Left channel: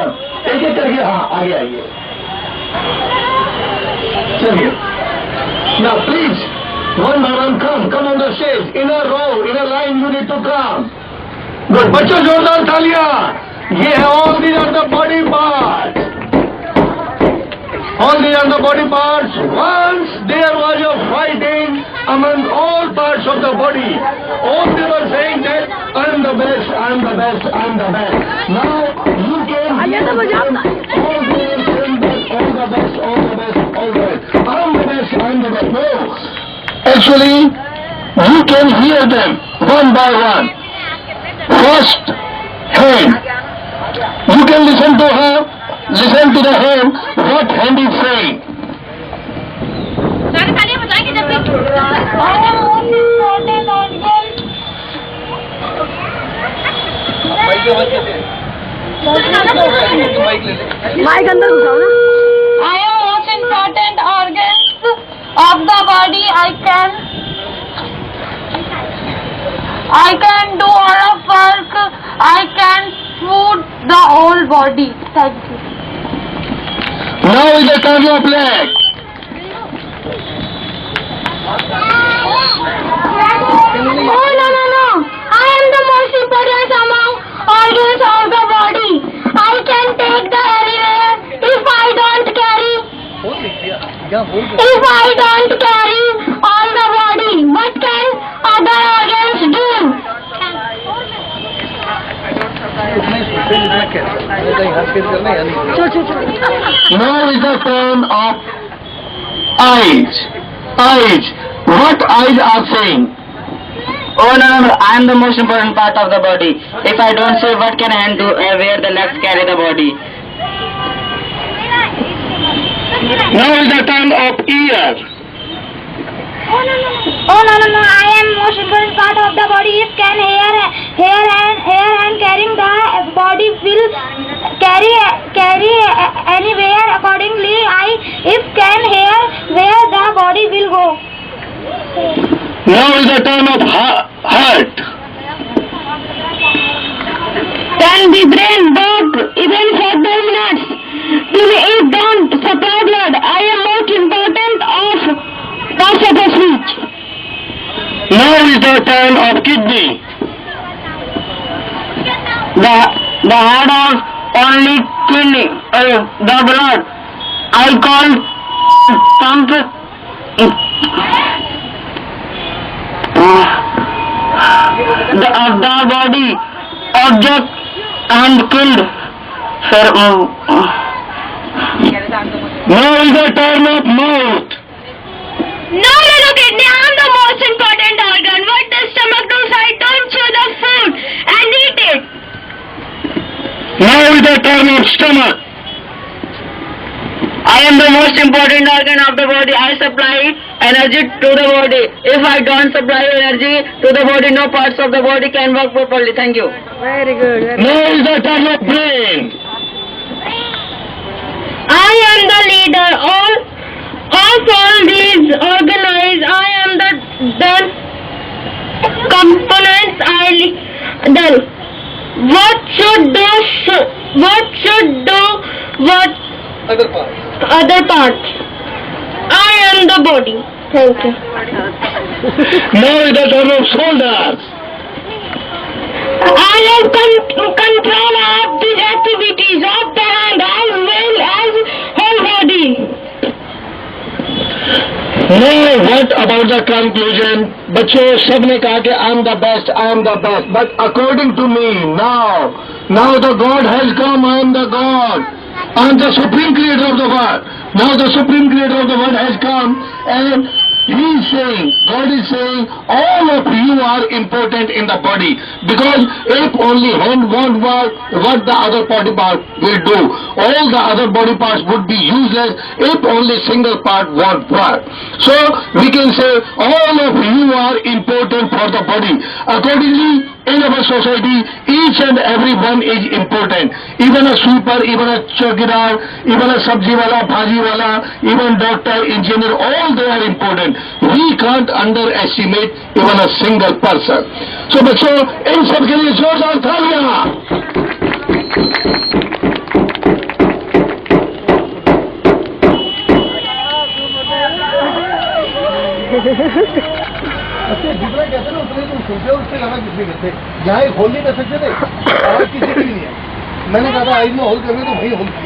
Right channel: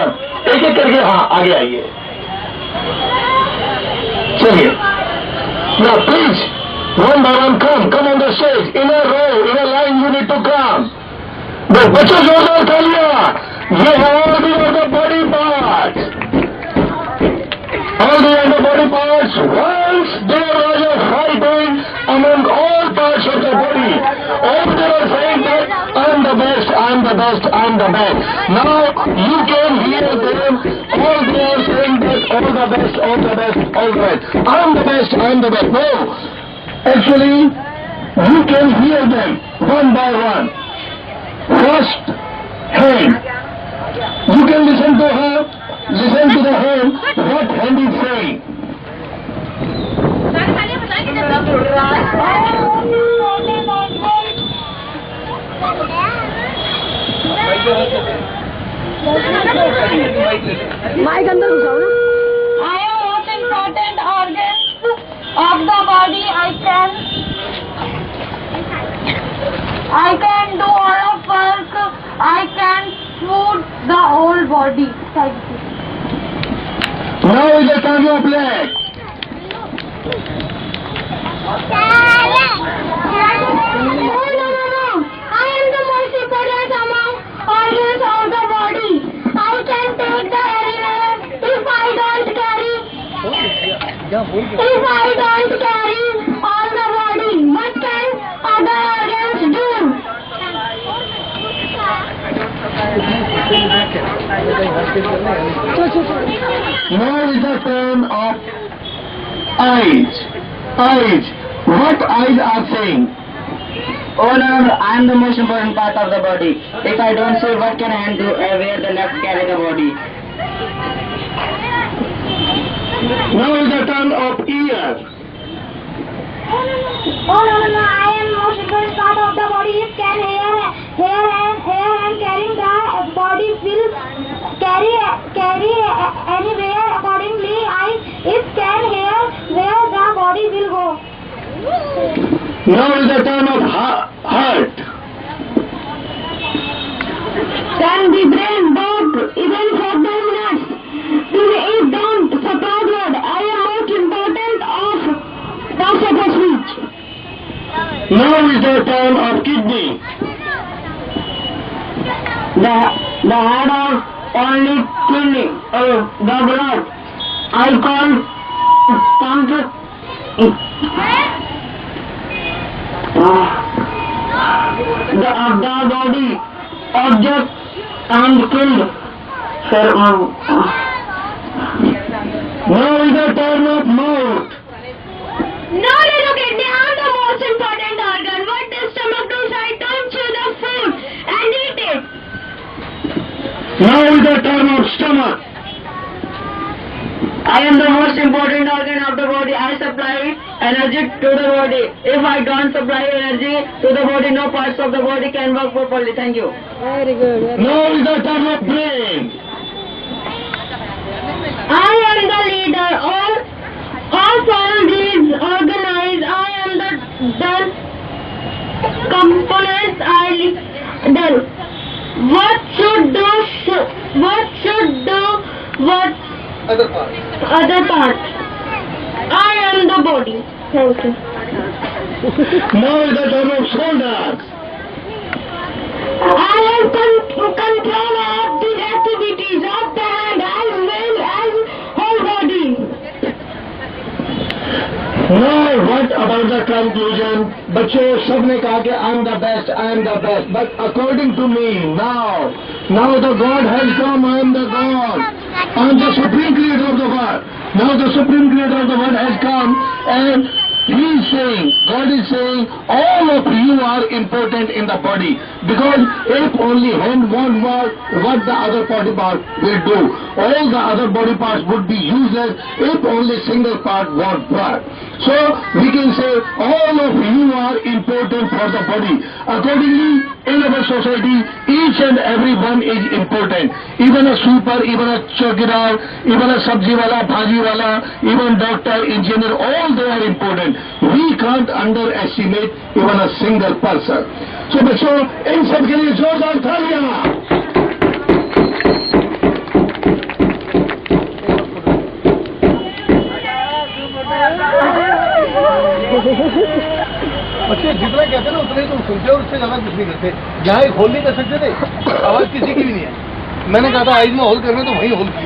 एक एक करके हाँ आगे आइए, चलिए ना please one by one come on the stage in a row in a line, you need to come. बच्चों जोरदार तालियां, ये है all the are the body parts, all the other body parts. Once there was a fighting among all parts of the body. All they were saying that I am the best, I am the best, I am the best. Now you can hear them. All they are saying that all the best, all the best, all the best. I am the best, I am the best. No, actually you can hear them one by one. First hand, you can listen to her. Listen to the hand, what hand is saying. I am most important organs of the body. I can do all of work. I can food the whole body. Thank you. Now is the turn of leg. No. I am the most important among organs of the body. I can take the anywhere if I don't carry. If I don't carry all the body, what can other organs do? Now is the turn of eyes. Eyes. What eyes are saying? Oh no, I am the most important part of the body. If I don't say, what can hand do where the legs carry the body? Now is the turn of ear. Oh no. I am most important part of the body. If can hair and carrying the body will carry anywhere accordingly. If can hair where the body will go. Now is the turn of heart. Can the brain work even for 2 minutes? If don't supply blood, I am most important of the speech. Now is the turn of kidney. The heart of only kidney, the blood. I can't pump the body object and killed. Now is the turn of mouth. No, kidney. I am the most important organ. What does stomach do? I don't chew the food and eat it. Now is the turn of stomach. I am the most important organ of the body. I supply energy to the body. If I don't supply energy to the body, no parts of the body can work properly. Thank you. Very good. Now is the turn of brain. I am the leader. All these organized. I am the components. What should do what other parts. I am the body. Thank you. Now is the turn of shoulders. I have control of the activities of the hand as well as whole body. Now what about the conclusion? बच्चों सबने कहा कि I am the best, I am the best. But according to me, now the God has come. I am the God. I am the supreme creator of the world. Now the supreme creator of the world has come, and He is saying, God is saying, all of you are important in the body. Because if only hand won't work, what the other body part will do? All the other body parts would be useless if only single part won't work. So we can say all of you are important for the body. Accordingly, in our society, each and every one is important. Even a sweeper, even a chowkidar, even a sabji wala, bhaji wala, even doctor, engineer, all they are important. We can't underestimate even a single person. So बच्चों इन सब के लिए जोरदार तालियां। अच्छा जितना कहते ना उतना ही तुम सुनते हो, उससे ज्यादा कुछ नहीं करते। यहाँ एक होल नहीं कर सकते थे, आवाज किसी की भी नहीं है। मैंने कहा था आज में होल करना तो वही होल किया।